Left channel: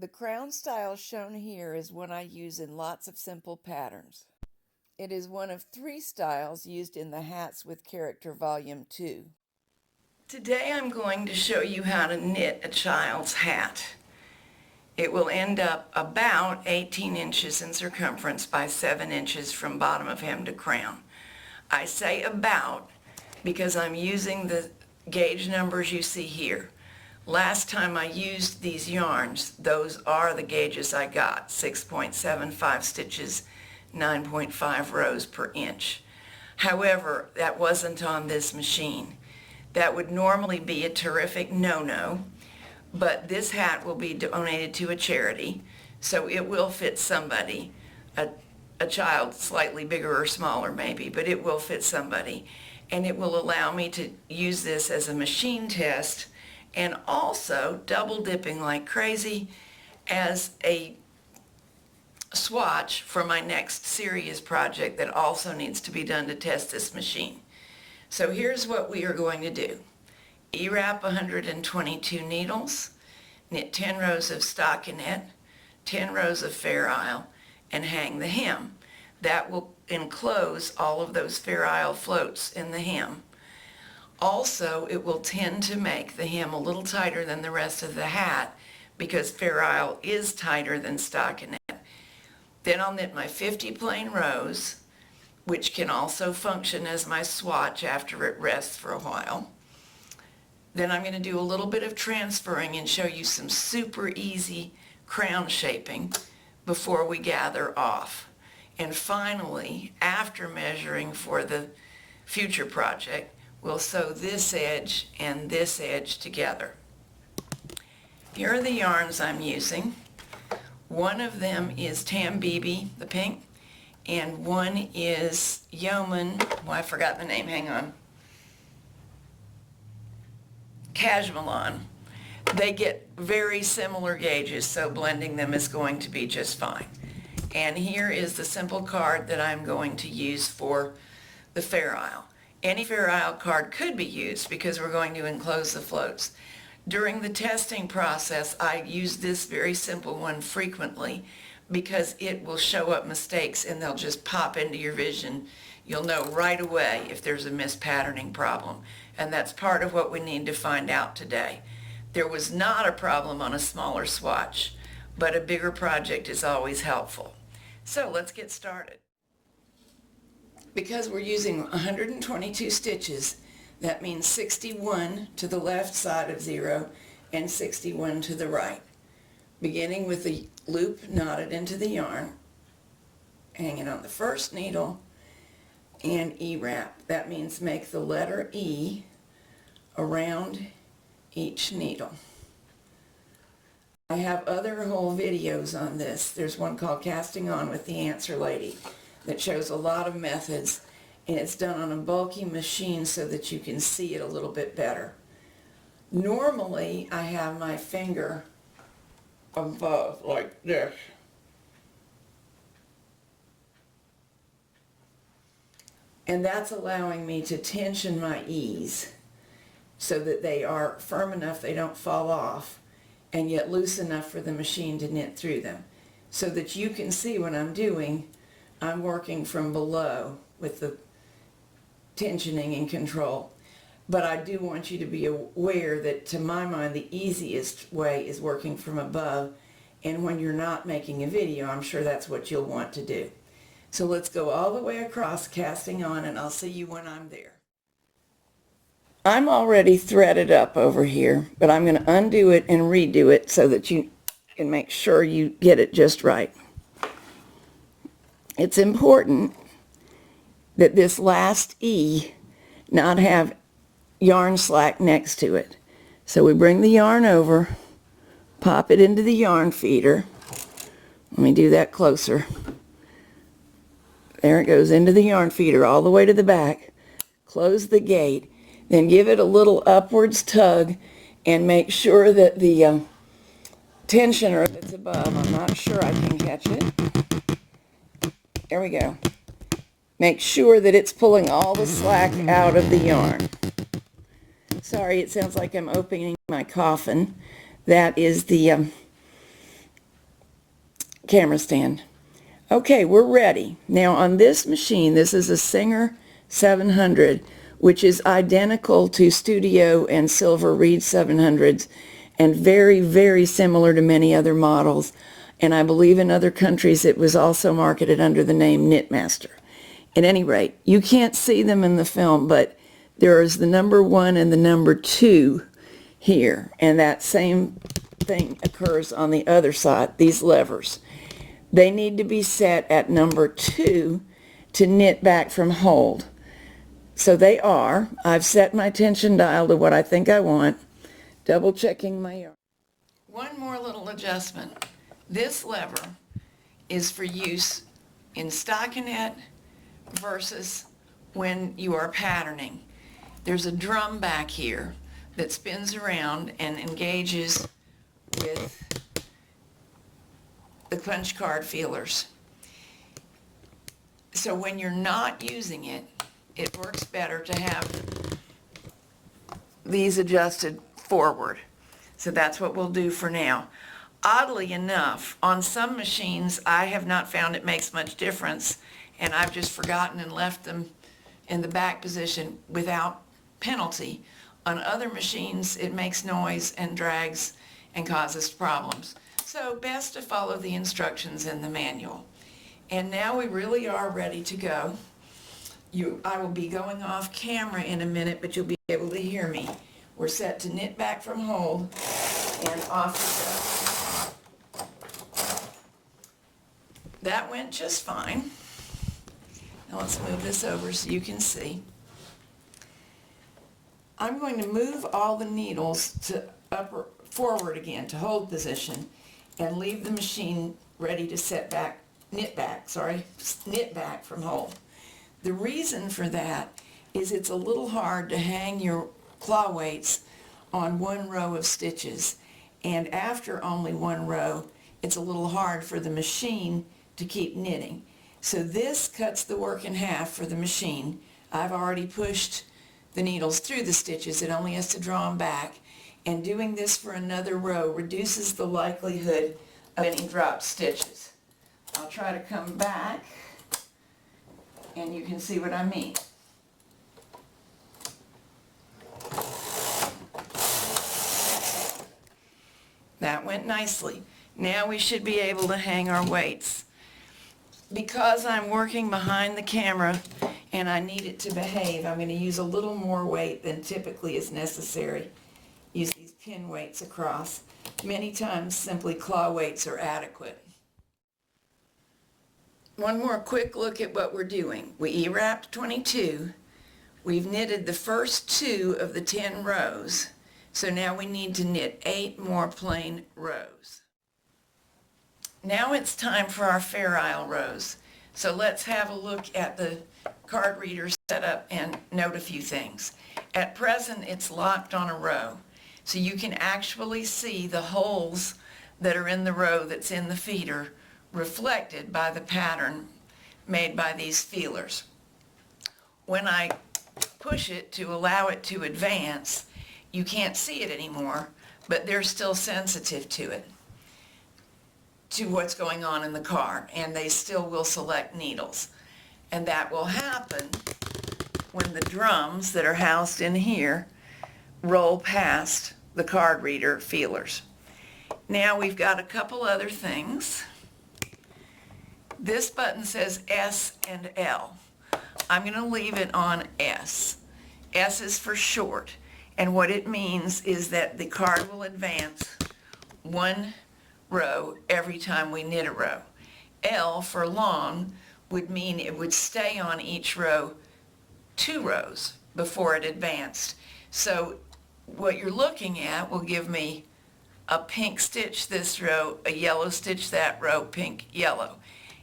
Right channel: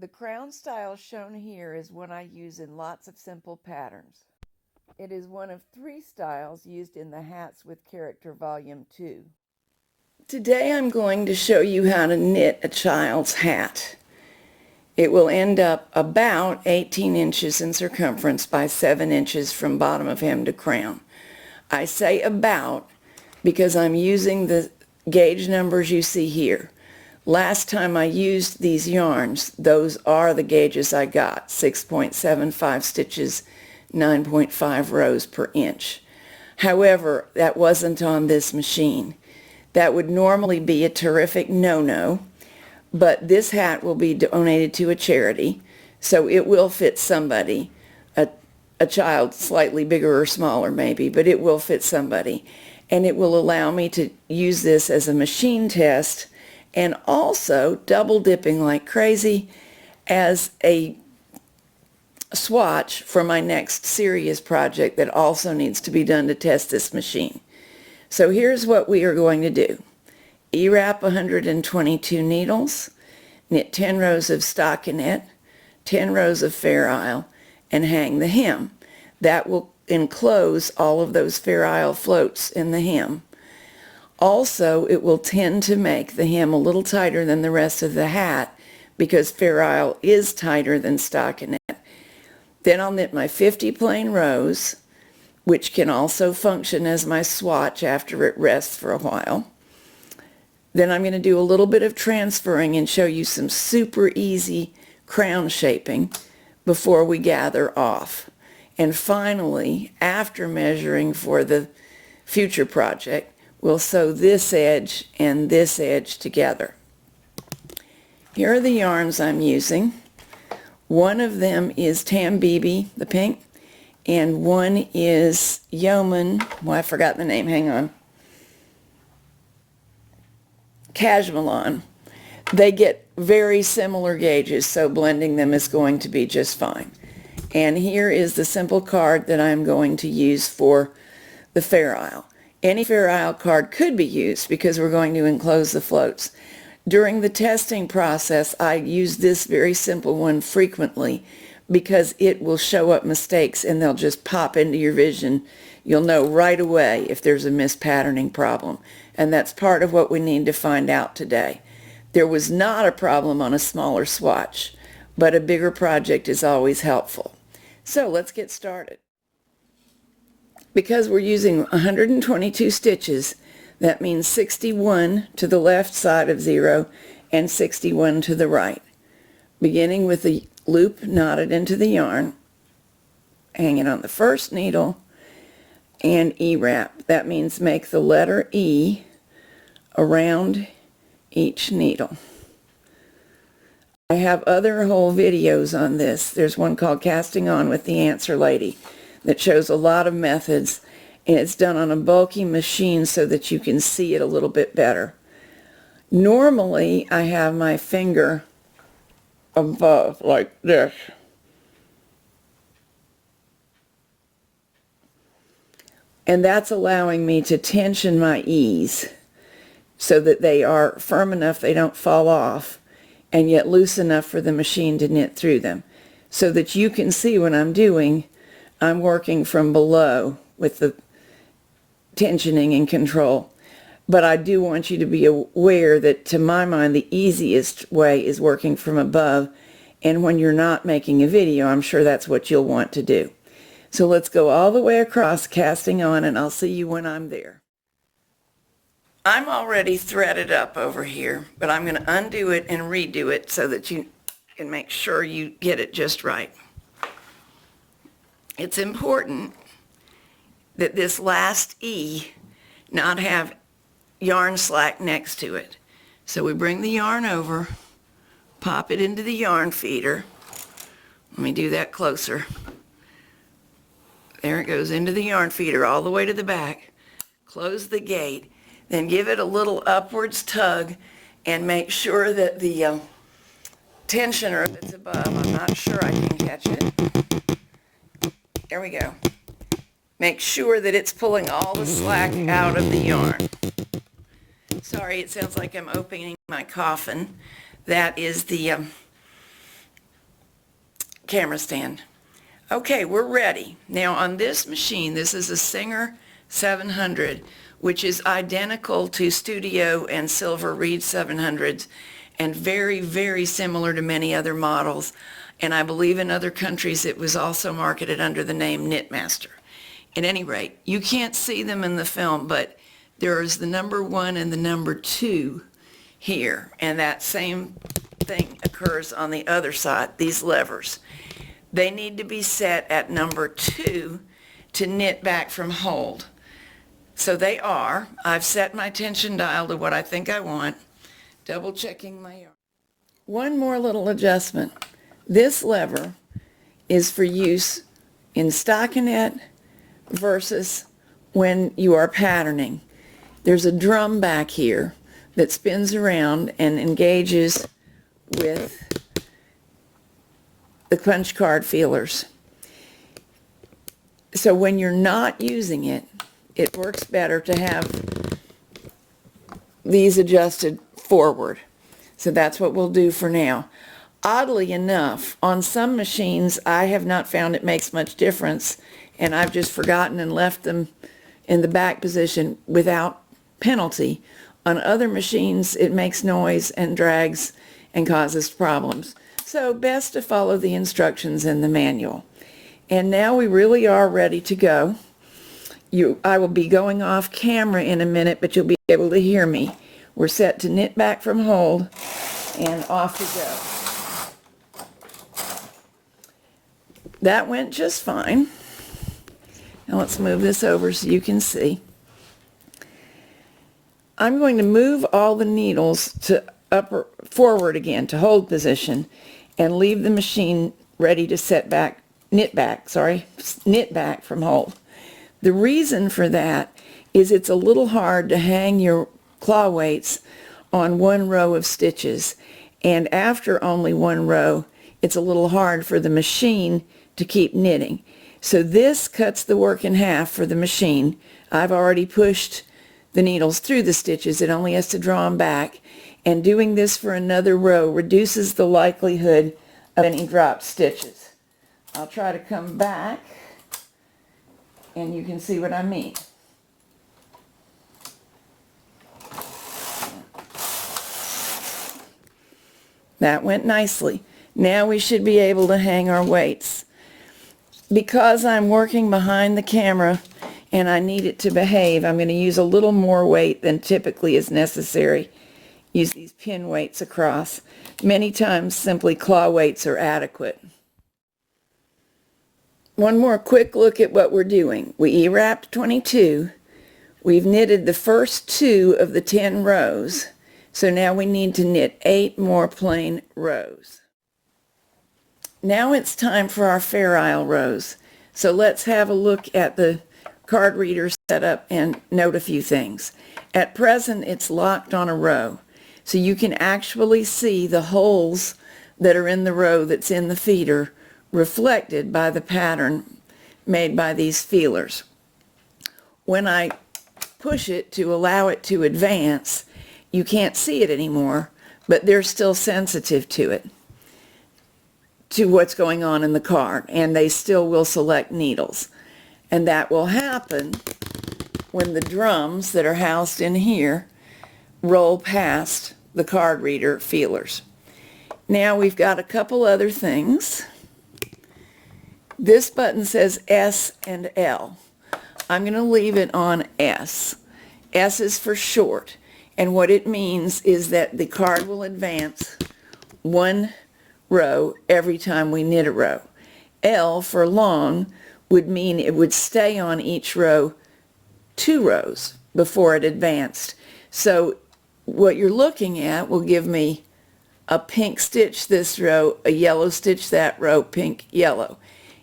The crown style shown here is one I use in lots of simple patterns. It is one of 3 styles used in the Hats with Character Volume 2. Today I'm going to show you how to knit a child's hat. It will end up about 18 inches in circumference by 7 inches from bottom of hem to crown. I say about because I'm using the gauge numbers you see here. Last time I used these yarns, those are the gauges I got, 6.75 stitches, 9.5 rows per inch. However, that wasn't on this machine. That would normally be a terrific no-no, but this hat will be donated to a charity, so it will fit somebody, a child slightly bigger or smaller maybe, but it will fit somebody. And it will allow me to use this as a machine test and also double dipping like crazy as a swatch for my next serious project that also needs to be done to test this machine. So here's what we are going to do. E-wrap 122 needles, knit 10 rows of stockinette, 10 rows of Fairisle, and hang the hem. That will enclose all of those Fairisle floats in the hem. Also, it will tend to make the hem a little tighter than the rest of the hat because Fairisle is tighter than stockinette. Then I'll knit my 50 plain rows, which can also function as my swatch after it rests for a while. Then I'm going to do a little bit of transferring and show you some super easy crown shaping before we gather off. And finally, after measuring for the future project, we'll sew this edge and this edge together. Here are the yarns I'm using. One of them is Tambibi, the pink, and one is Yeoman, well, I forgot the name, hang on, Cashmelon. They get very similar gauges, so blending them is going to be just fine. And here is the simple card that I'm going to use for the Fairisle. Any Fairisle card could be used because we're going to enclose the floats. During the testing process, I use this very simple one frequently because it will show up mistakes and they'll just pop into your vision. You'll know right away if there's a mispatterning problem. And that's part of what we need to find out today. There was not a problem on a smaller swatch, but a bigger project is always helpful. So let's get started. Because we're using 122 stitches, that means 61 to the left side of 0 and 61 to the right. Beginning with the loop knotted into the yarn, hanging on the first needle, and E-wrap. That means make the letter E around each needle. I have other whole videos on this. There's one called Casting On with the Answer Lady that shows a lot of methods, and it's done on a bulky machine so that you can see it a little bit better. Normally, I have my finger above like this. And that's allowing me to tension my E's so that they are firm enough they don't fall off, and yet loose enough for the machine to knit through them. So that you can see when I'm doing, I'm working from below with the tensioning and control. But I do want you to be aware that, to my mind, the easiest way is working from above. And when you're not making a video, I'm sure that's what you'll want to do. So let's go all the way across, casting on, and I'll see you when I'm there. I'm already threaded up over here, but I'm going to undo it and redo it so that you can make sure you get it just right. It's important that this last E not have yarn slack next to it. So we bring the yarn over, pop it into the yarn feeder. Let me do that closer. There it goes into the yarn feeder all the way to the back. Close the gate. Then give it a little upwards tug and make sure that the tensioner that's above, I'm not sure I can catch it. There we go. Make sure that it's pulling all the slack out of the yarn. Sorry, it sounds like I'm opening my coffin. That is the camera stand. Okay, we're ready. Now on this machine, this is a Singer 700, which is identical to Studio and Silver Reed 700s and very, very similar to many other models. And I believe in other countries it was also marketed under the name Knitmaster. At any rate, you can't see them in the film, but there is the number 1 and the number 2 here, and that same thing occurs on the other side, these levers. They need to be set at number 2 to knit back from hold. So they are. I've set my tension dial to what I think I want, double checking my yarn. One more little adjustment. This lever is for use in stockinette versus when you are patterning. There's a drum back here that spins around and engages with the punch card feelers. So when you're not using it, it works better to have these adjusted forward. So that's what we'll do for now. Oddly enough, on some machines, I have not found it makes much difference, and I've just forgotten and left them in the back position without penalty. On other machines, it makes noise and drags and causes problems. So best to follow the instructions in the manual. And now we really are ready to go. I will be going off camera in a minute, but you'll be able to hear me. We're set to knit back from hold and off we go. That went just fine. Now let's move this over so you can see. I'm going to move all the needles to forward again to hold position and leave the machine ready to knit back from hold. The reason for that is it's a little hard to hang your claw weights on one row of stitches, and after only one row it's a little hard for the machine to keep knitting. So this cuts the work in half for the machine. I've already pushed the needles through the stitches. It only has to draw them back, and doing this for another row reduces the likelihood of any dropped stitches. I'll try to come back and you can see what I mean. That went nicely. Now we should be able to hang our weights. Because I'm working behind the camera and I need it to behave, I'm going to use a little more weight than typically is necessary. Use these pin weights across. Many times simply claw weights are adequate. One more quick look at what we're doing. We E-wrapped 22. We've knitted the first 2 of the 10 rows. So now we need to knit 8 more plain rows. Now it's time for our Fairisle rows. So let's have a look at the card reader setup and note a few things. At present, it's locked on a row. So you can actually see the holes that are in the row that's in the feeder reflected by the pattern made by these feelers. When I push it to allow it to advance, you can't see it anymore, but they're still sensitive to it, to what's going on in the card, and they still will select needles. And that will happen when the drums that are housed in here roll past the card reader feelers. Now we've got a couple other things. This button says S and L. I'm going to leave it on S. S is for short, and what it means is that the card will advance 1 row every time we knit a row. L for long would mean it would stay on each row 2 rows before it advanced. So what you're looking at will give me a pink stitch this row, a yellow stitch that row, pink, yellow.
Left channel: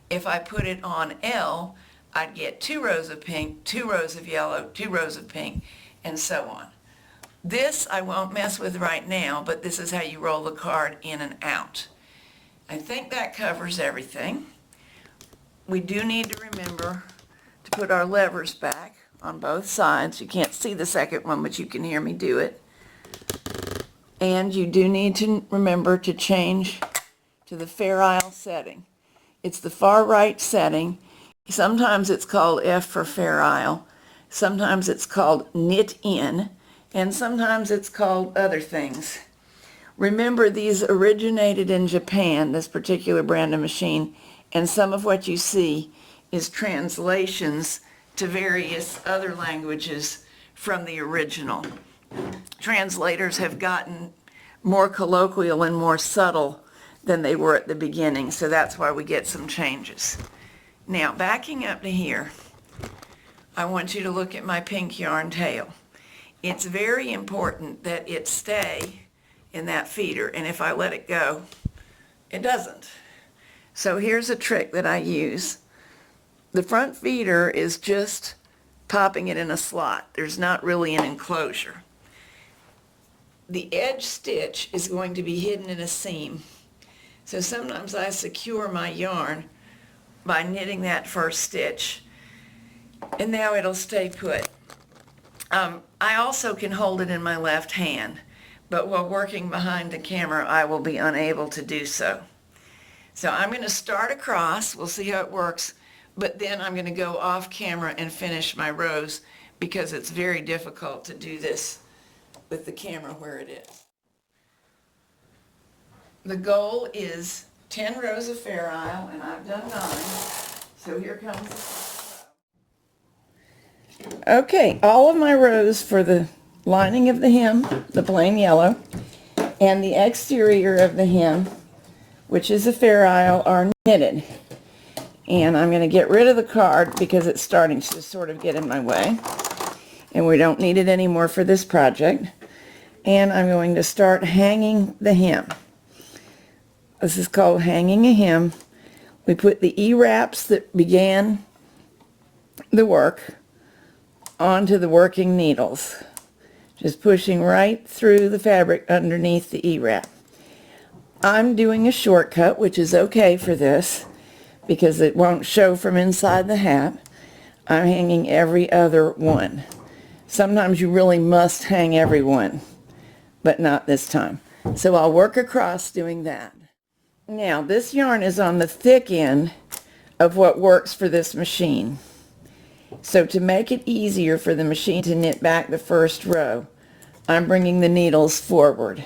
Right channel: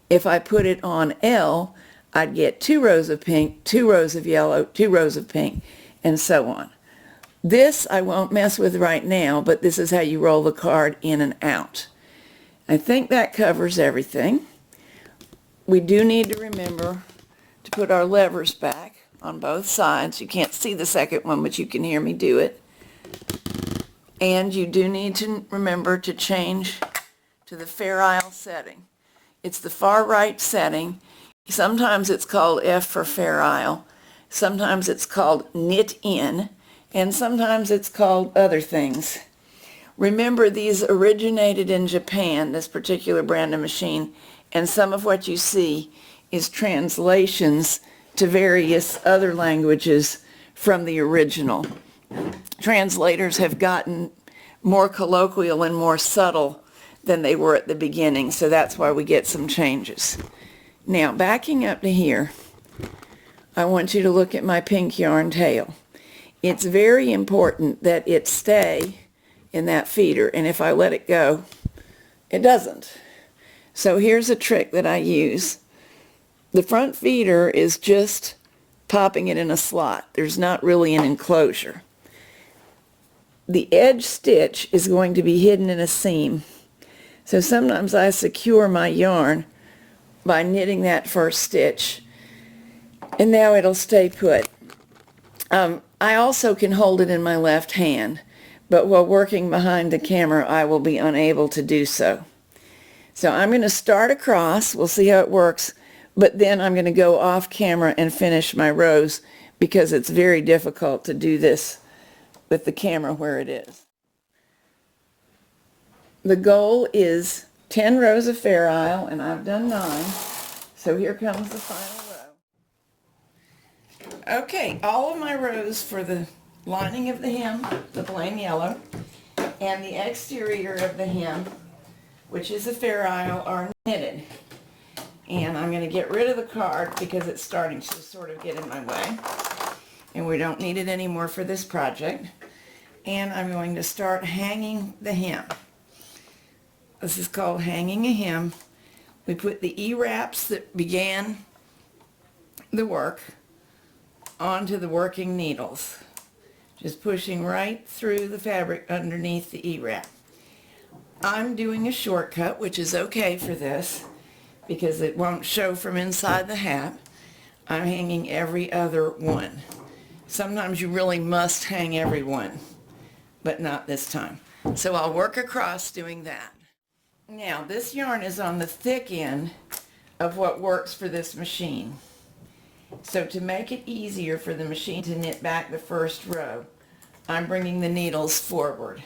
If I put it on L, I'd get 2 rows of pink, 2 rows of yellow, 2 rows of pink, and so on. This I won't mess with right now, but this is how you roll the card in and out. I think that covers everything. We do need to remember to put our levers back on both sides. You can't see the second one, but you can hear me do it. And you do need to remember to change to the Fairisle setting. It's the far right setting. Sometimes it's called F for Fairisle. Sometimes it's called knit in, and sometimes it's called other things. Remember, these originated in Japan, this particular brand of machine, and some of what you see is translations to various other languages from the original. Translators have gotten more colloquial and more subtle than they were at the beginning, so that's why we get some changes. Now, backing up to here, I want you to look at my pink yarn tail. It's very important that it stay in that feeder, and if I let it go, it doesn't. So here's a trick that I use. The front feeder is just popping it in a slot. There's not really an enclosure. The edge stitch is going to be hidden in a seam. So sometimes I secure my yarn by knitting that first stitch, and now it'll stay put. I also can hold it in my left hand, but while working behind the camera, I will be unable to do so. So I'm going to start across, we'll see how it works, but then I'm going to go off camera and finish my rows because it's very difficult to do this with the camera where it is. The goal is 10 rows of Fairisle, and I've done 9, so here comes the final row. Okay, all of my rows for the lining of the hem, the plain yellow, and the exterior of the hem, which is a Fairisle, are knitted. And I'm going to get rid of the card because it's starting to sort of get in my way, and we don't need it anymore for this project. And I'm going to start hanging the hem. This is called hanging a hem. We put the E-wraps that began the work onto the working needles, just pushing right through the fabric underneath the E-wrap. I'm doing a shortcut, which is okay for this because it won't show from inside the hat. I'm hanging every other one. Sometimes you really must hang every one, but not this time. So I'll work across doing that. Now, this yarn is on the thick end of what works for this machine. So to make it easier for the machine to knit back the first row, I'm bringing the needles forward.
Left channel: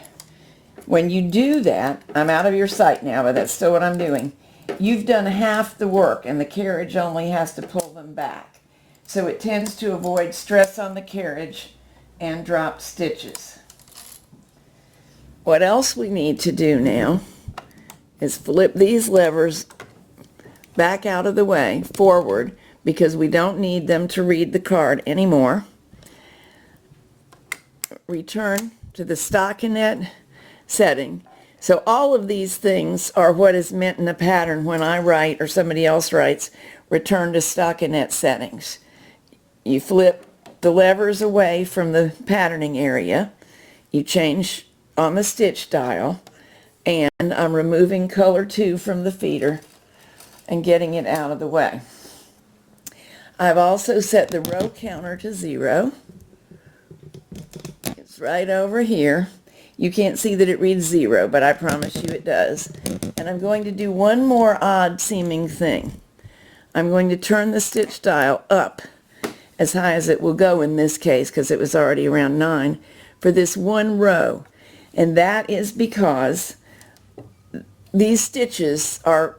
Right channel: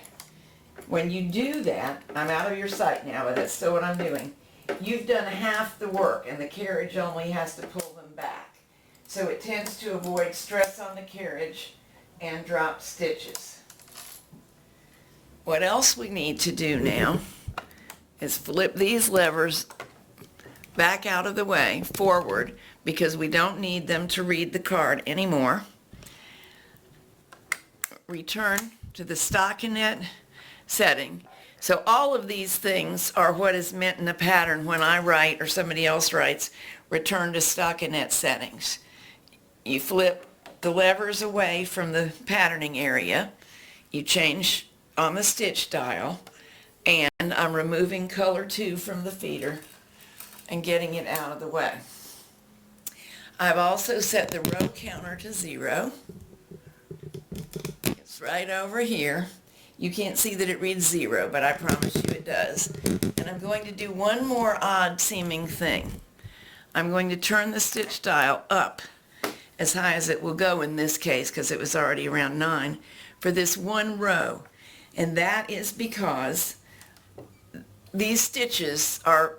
When you do that, I'm out of your sight now, but that's still what I'm doing. You've done half the work, and the carriage only has to pull them back. So it tends to avoid stress on the carriage and drop stitches. What else we need to do now is flip these levers back out of the way, forward, because we don't need them to read the card anymore. Return to the stockinette setting. So all of these things are what is meant in the pattern when I write or somebody else writes, return to stockinette settings. You flip the levers away from the patterning area, you change on the stitch dial, and I'm removing color 2 from the feeder and getting it out of the way. I've also set the row counter to 0. It's right over here. You can't see that it reads 0, but I promise you it does. And I'm going to do one more odd seeming thing. I'm going to turn the stitch dial up as high as it will go in this case, because it was already around 9, for this one row. And that is because these stitches are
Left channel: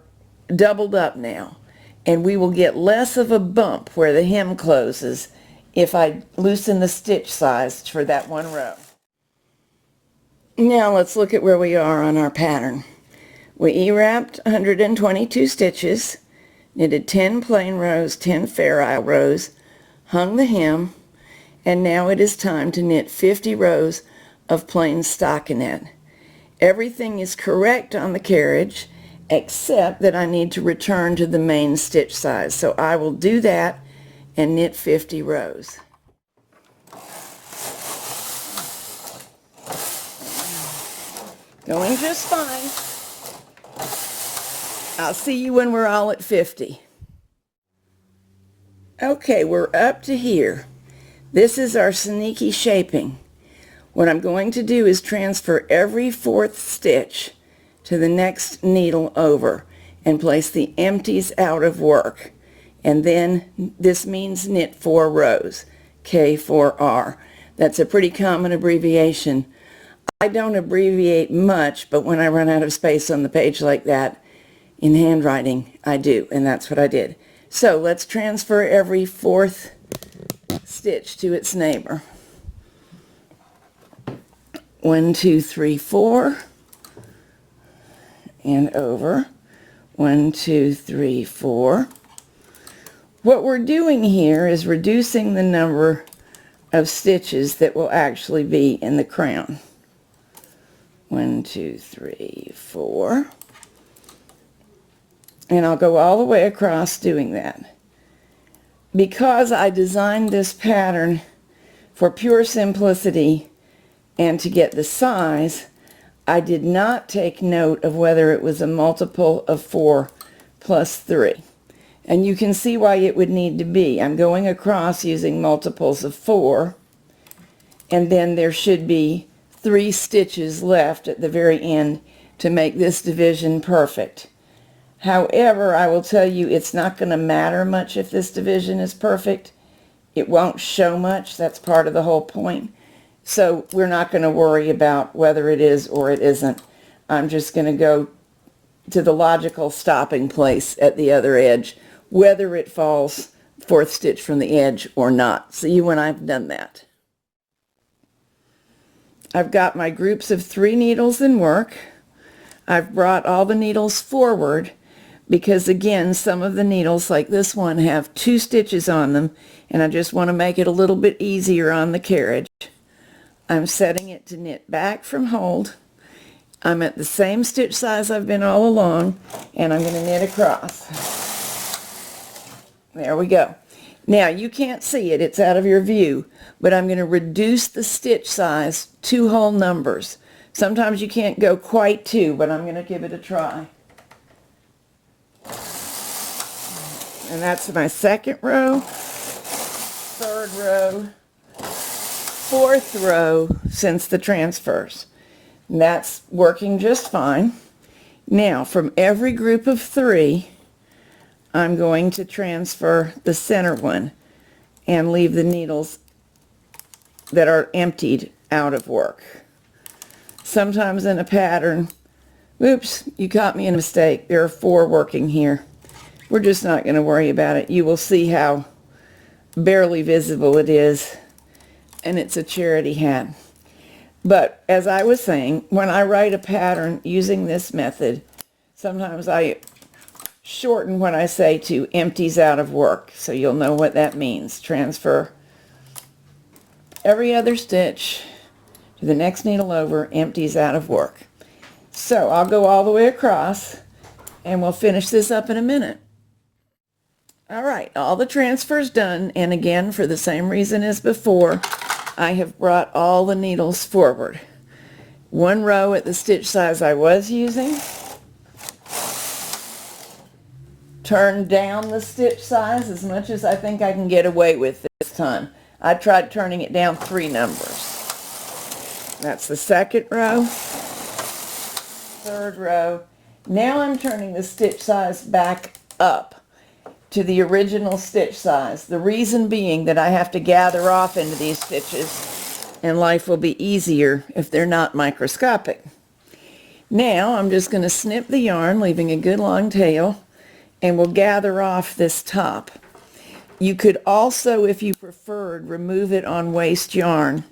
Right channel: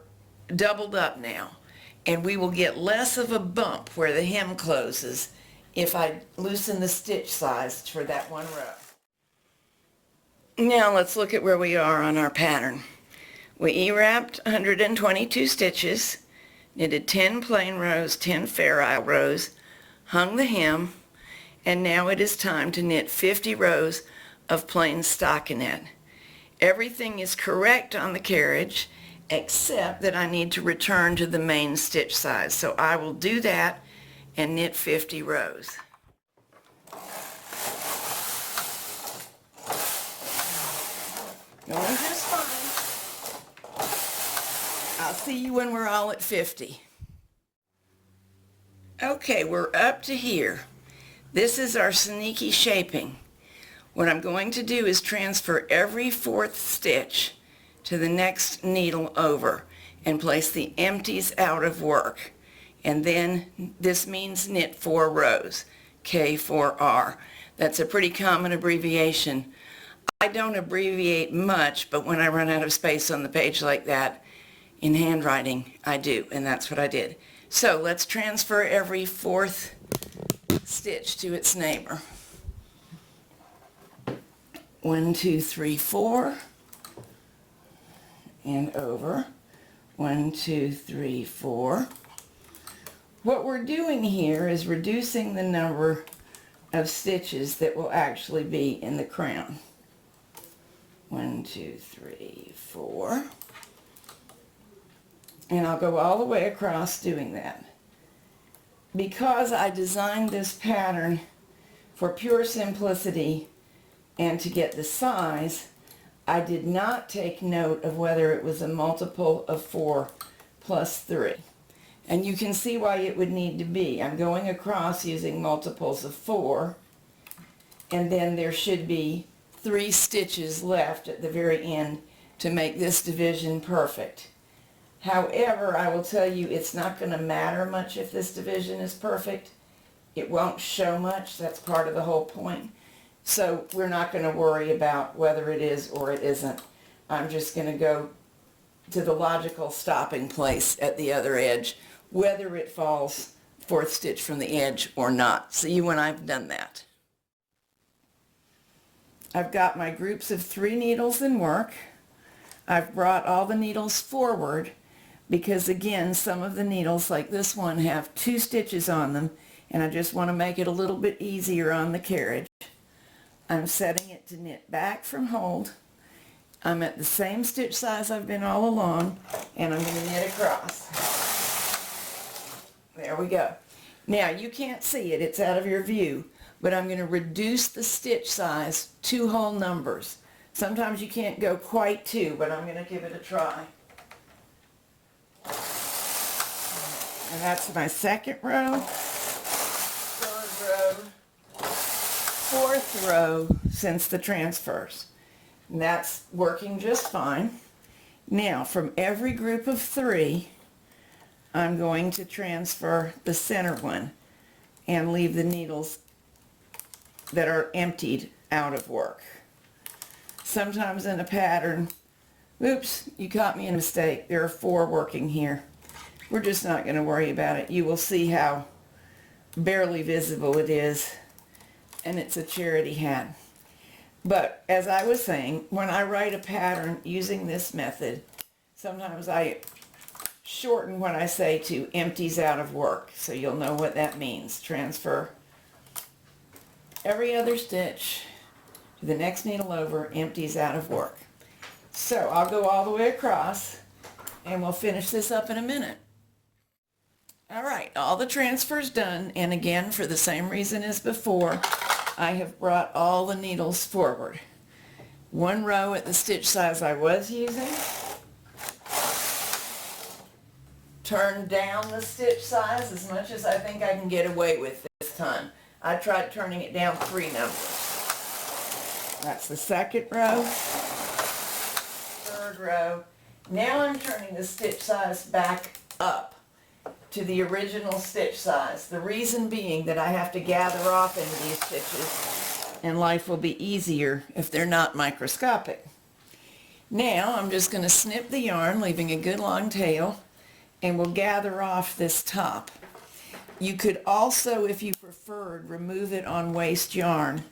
doubled up now, and we will get less of a bump where the hem closes if I loosen the stitch size for that one row. Now let's look at where we are on our pattern. We E-wrapped 122 stitches, knitted 10 plain rows, 10 Fairisle rows, hung the hem, and now it is time to knit 50 rows of plain stockinette. Everything is correct on the carriage except that I need to return to the main stitch size. So I will do that and knit 50 rows. Going just fine. I'll see you when we're all at 50. Okay, we're up to here. This is our sneaky shaping. What I'm going to do is transfer every 4th stitch to the next needle over. and place the empties out of work. And then this means knit 4 rows, K4R. That's a pretty common abbreviation. I don't abbreviate much, but when I run out of space on the page like that in handwriting, I do, and that's what I did. So let's transfer every 4th stitch to its neighbor. 1, 2, 3, 4, and over. 1, 2, 3, 4. What we're doing here is reducing the number of stitches that will actually be in the crown. 1, 2, 3, 4. And I'll go all the way across doing that. Because I designed this pattern for pure simplicity and to get the size, I did not take note of whether it was a multiple of 4 plus 3. And you can see why it would need to be. I'm going across using multiples of 4, and then there should be 3 stitches left at the very end to make this division perfect. However, I will tell you it's not going to matter much if this division is perfect. It won't show much. That's part of the whole point. So we're not going to worry about whether it is or it isn't. I'm just going to go to the logical stopping place at the other edge, whether it falls 4th stitch from the edge or not. See when I've done that. I've got my groups of 3 needles in work. I've brought all the needles forward because, again, some of the needles, like this one, have 2 stitches on them, and I just want to make it a little bit easier on the carriage. I'm setting it to knit back from hold. I'm at the same stitch size I've been all along, and I'm going to knit across. There we go. Now, you can't see it, it's out of your view, but I'm going to reduce the stitch size 2 whole numbers. Sometimes you can't go quite 2, but I'm going to give it a try. And that's my 2nd row, 3rd row, 4th row since the transfers. And that's working just fine. Now, from every group of 3, I'm going to transfer the center one and leave the needles that are emptied out of work. Sometimes in a pattern, oops, you caught me in a mistake. There are 4 working here. We're just not going to worry about it. You will see how barely visible it is, and it's a charity hat. But as I was saying, when I write a pattern using this method, sometimes I shorten what I say to empties out of work, so you'll know what that means. Transfer every other stitch to the next needle over, empties out of work. So I'll go all the way across, and we'll finish this up in a minute. All right, all the transfers done, and again, for the same reason as before, I have brought all the needles forward. 1 row at the stitch size I was using. Turn down the stitch size as much as I think I can get away with this time. I tried turning it down 3 numbers. That's the 2nd row, 3rd row. Now I'm turning the stitch size back up to the original stitch size. The reason being that I have to gather off into these stitches, and life will be easier if they're not microscopic. Now I'm just going to snip the yarn, leaving a good long tail, and we'll gather off this top. You could also, if you preferred, remove it on waste yarn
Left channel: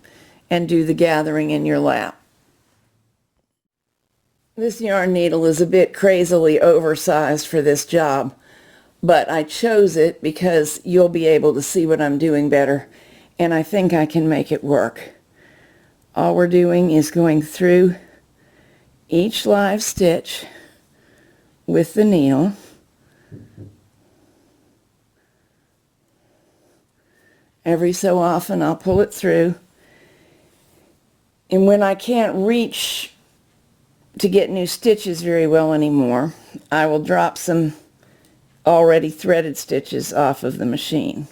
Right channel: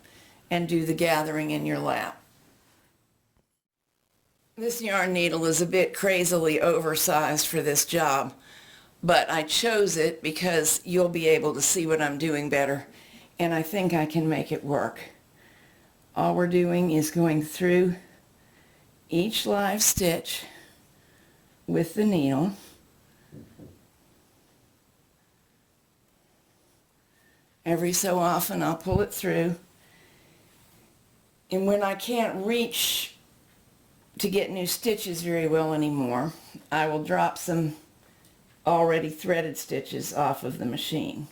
and do the gathering in your lap. This yarn needle is a bit crazily oversized for this job, but I chose it because you'll be able to see what I'm doing better, and I think I can make it work. All we're doing is going through each live stitch with the needle. Every so often I'll pull it through, and when I can't reach to get new stitches very well anymore, I will drop some already threaded stitches off of the machine.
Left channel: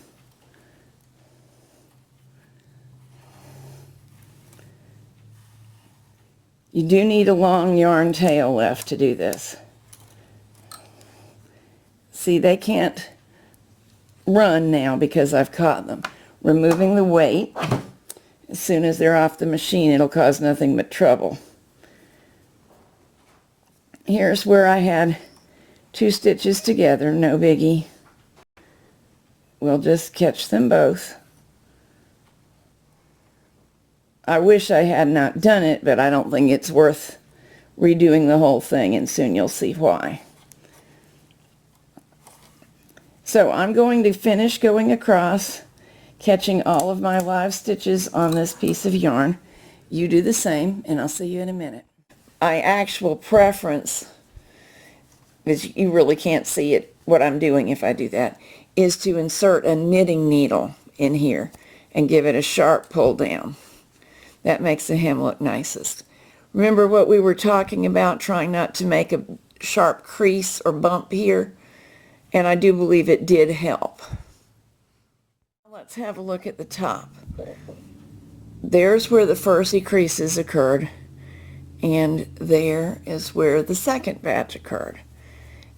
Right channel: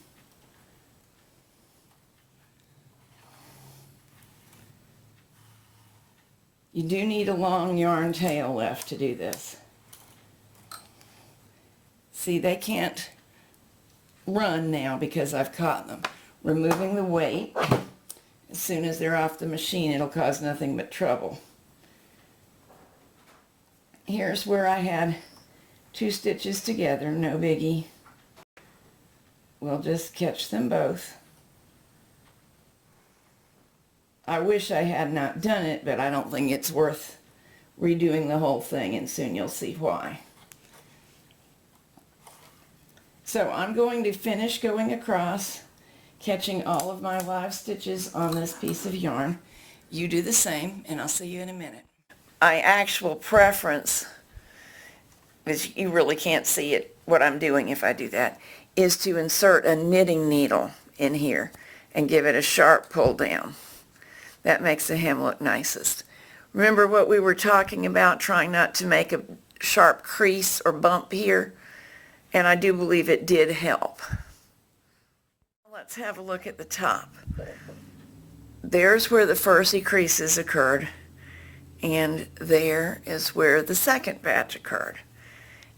You do need a long yarn tail left to do this. See, they can't run now because I've caught them. Removing the weight, as soon as they're off the machine, it'll cause nothing but trouble. Here's where I had 2 stitches together, no biggie. We'll just catch them both. I wish I had not done it, but I don't think it's worth redoing the whole thing, and soon you'll see why. So I'm going to finish going across, catching all of my live stitches on this piece of yarn. You do the same, and I'll see you in a minute. My actual preference, because you really can't see it, what I'm doing if I do that, is to insert a knitting needle in here and give it a sharp pull down. That makes the hem look nicest. Remember what we were talking about, trying not to make a sharp crease or bump here? And I do believe it did help. Let's have a look at the top. There's where the first creases occurred, and there is where the second batch occurred.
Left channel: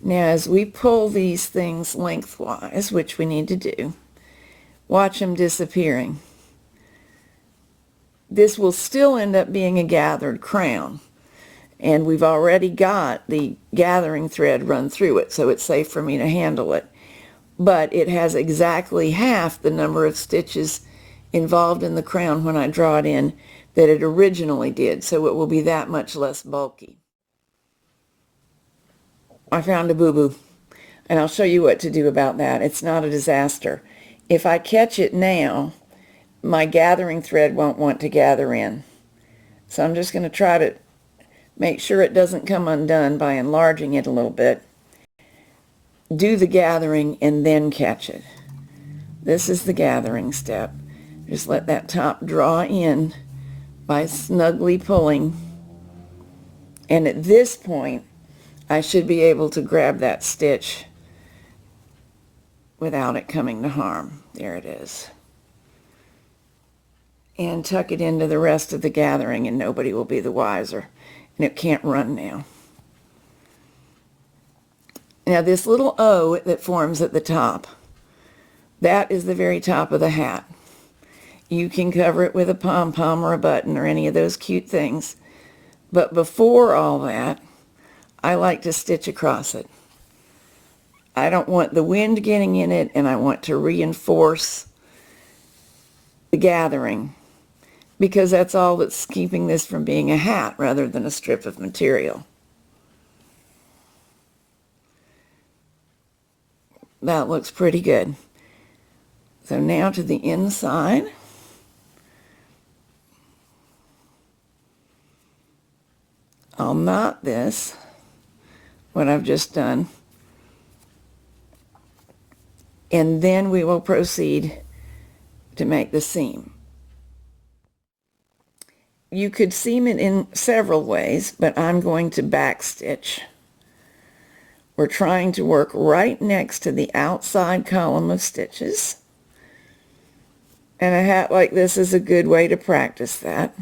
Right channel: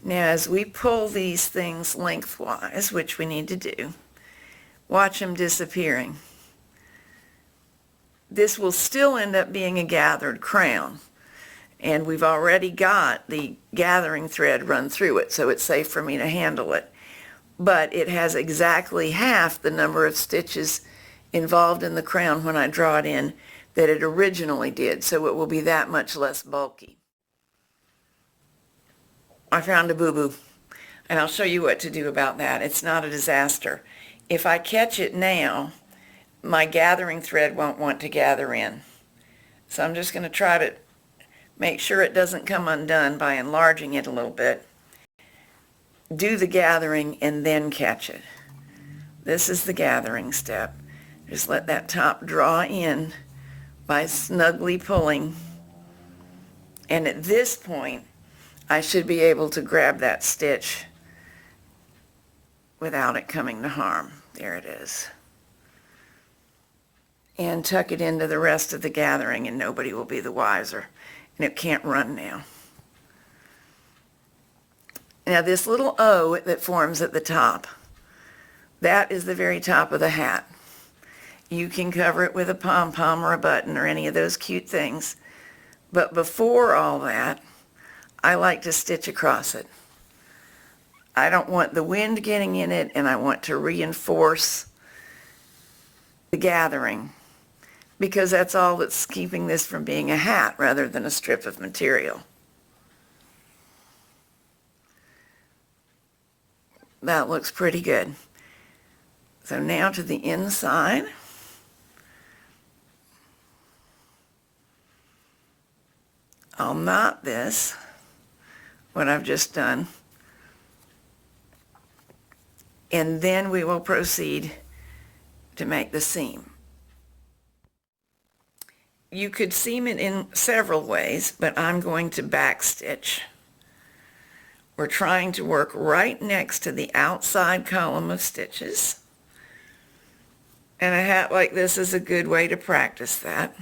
Now as we pull these things lengthwise, which we need to do, watch them disappearing. This will still end up being a gathered crown, and we've already got the gathering thread run through it, so it's safe for me to handle it. But it has exactly half the number of stitches involved in the crown when I draw it in that it originally did, so it will be that much less bulky. I found a boo-boo, and I'll show you what to do about that. It's not a disaster. If I catch it now, my gathering thread won't want to gather in. So I'm just going to try to make sure it doesn't come undone by enlarging it a little bit. Do the gathering and then catch it. This is the gathering step. Just let that top draw in by snugly pulling. And at this point, I should be able to grab that stitch without it coming to harm. There it is. And tuck it into the rest of the gathering, and nobody will be the wiser. And it can't run now. Now this little O that forms at the top, that is the very top of the hat. You can cover it with a pom-pom or a button or any of those cute things. But before all that, I like to stitch across it. I don't want the wind getting in it, and I want to reinforce the gathering, because that's all that's keeping this from being a hat rather than a strip of material. That looks pretty good. So now to the inside. I'll knot this, what I've just done, and then we will proceed to make the seam. You could seam it in several ways, but I'm going to backstitch. We're trying to work right next to the outside column of stitches. And a hat like this is a good way to practice that,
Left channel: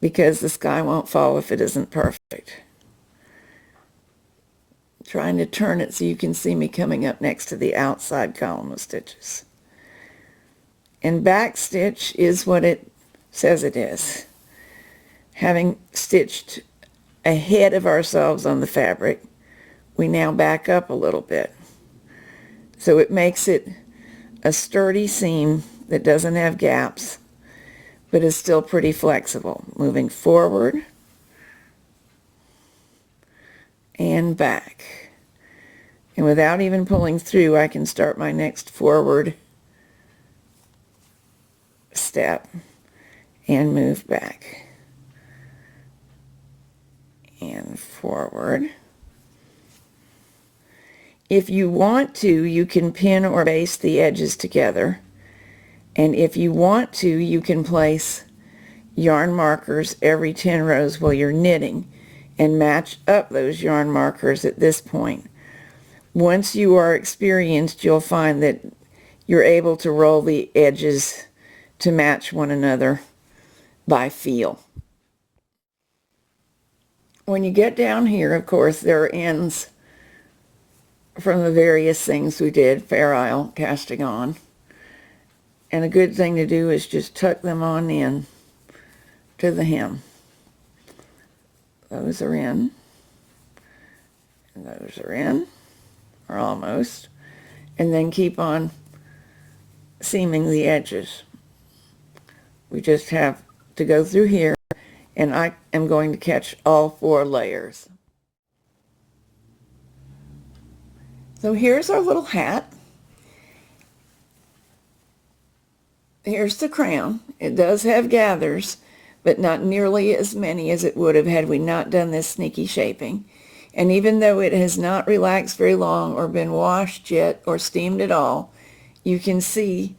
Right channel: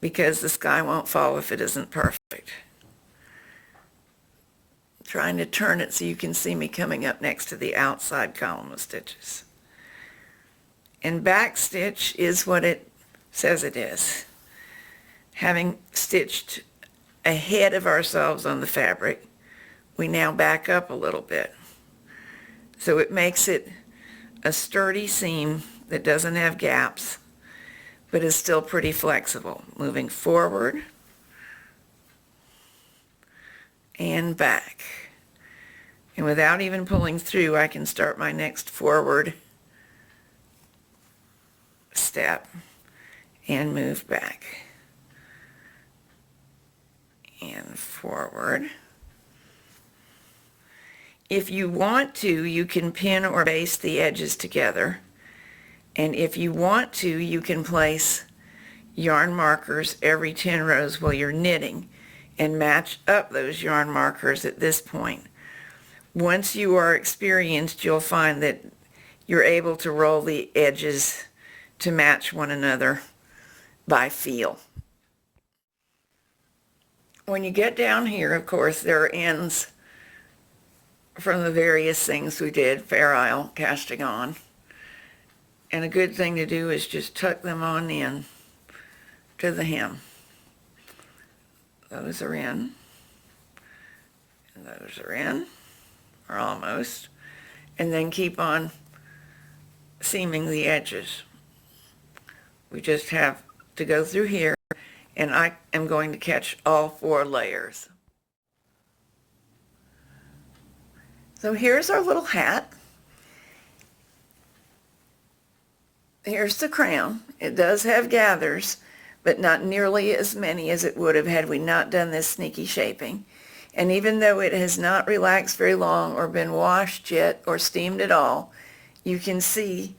because the sky won't fall if it isn't perfect. I'm trying to turn it so you can see me coming up next to the outside column of stitches. And backstitch is what it says it is. Having stitched ahead of ourselves on the fabric, we now back up a little bit. So it makes it a sturdy seam that doesn't have gaps, but is still pretty flexible. Moving forward and back. And without even pulling through, I can start my next forward step and move back and forward. If you want to, you can pin or baste the edges together, and if you want to, you can place yarn markers every 10 rows while you're knitting and match up those yarn markers at this point. Once you are experienced, you'll find that you're able to roll the edges to match one another by feel. When you get down here, of course, there are ends from the various things we did, Fairisle casting on. And a good thing to do is just tuck them on in to the hem. Those are in, and those are in, or almost, and then keep on seaming the edges. We just have to go through here, and I am going to catch all 4 layers. So here's our little hat. Here's the crown. It does have gathers, but not nearly as many as it would have had we not done this sneaky shaping. And even though it has not relaxed very long or been washed yet or steamed at all, you can see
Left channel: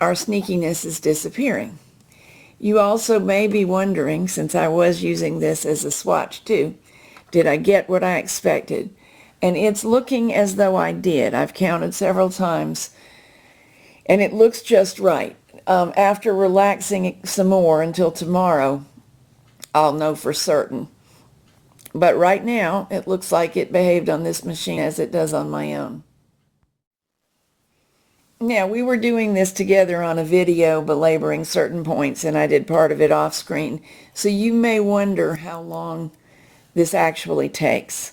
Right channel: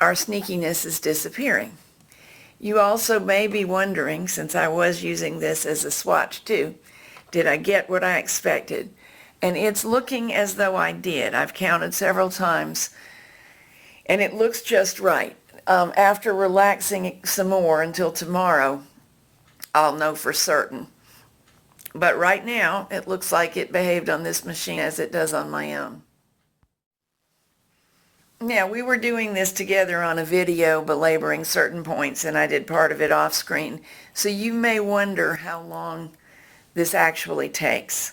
our sneakiness is disappearing. You also may be wondering, since I was using this as a swatch too, did I get what I expected? And it's looking as though I did. I've counted several times, and it looks just right. After relaxing it some more until tomorrow, I'll know for certain. But right now, it looks like it behaved on this machine as it does on my own. Now, we were doing this together on a video belaboring certain points, and I did part of it off screen. So you may wonder how long this actually takes.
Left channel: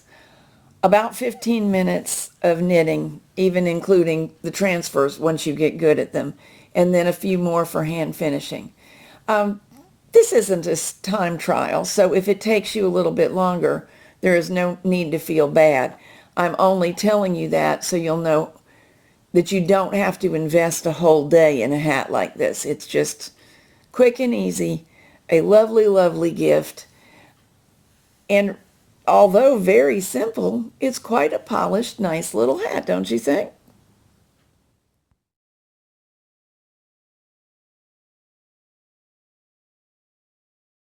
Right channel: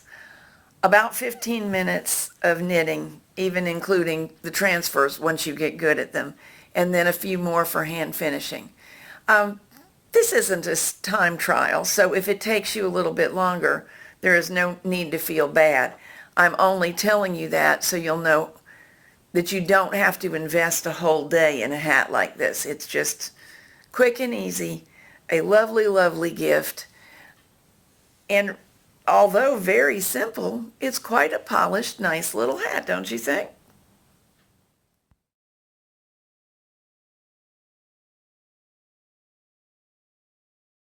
About 15 minutes of knitting, even including the transfers once you get good at them, and then a few more for hand finishing. This isn't a time trial, so if it takes you a little bit longer, there is no need to feel bad. I'm only telling you that so you'll know that you don't have to invest a whole day in a hat like this. It's just quick and easy, a lovely, lovely gift, and although very simple, it's quite a polished, nice little hat, don't you think?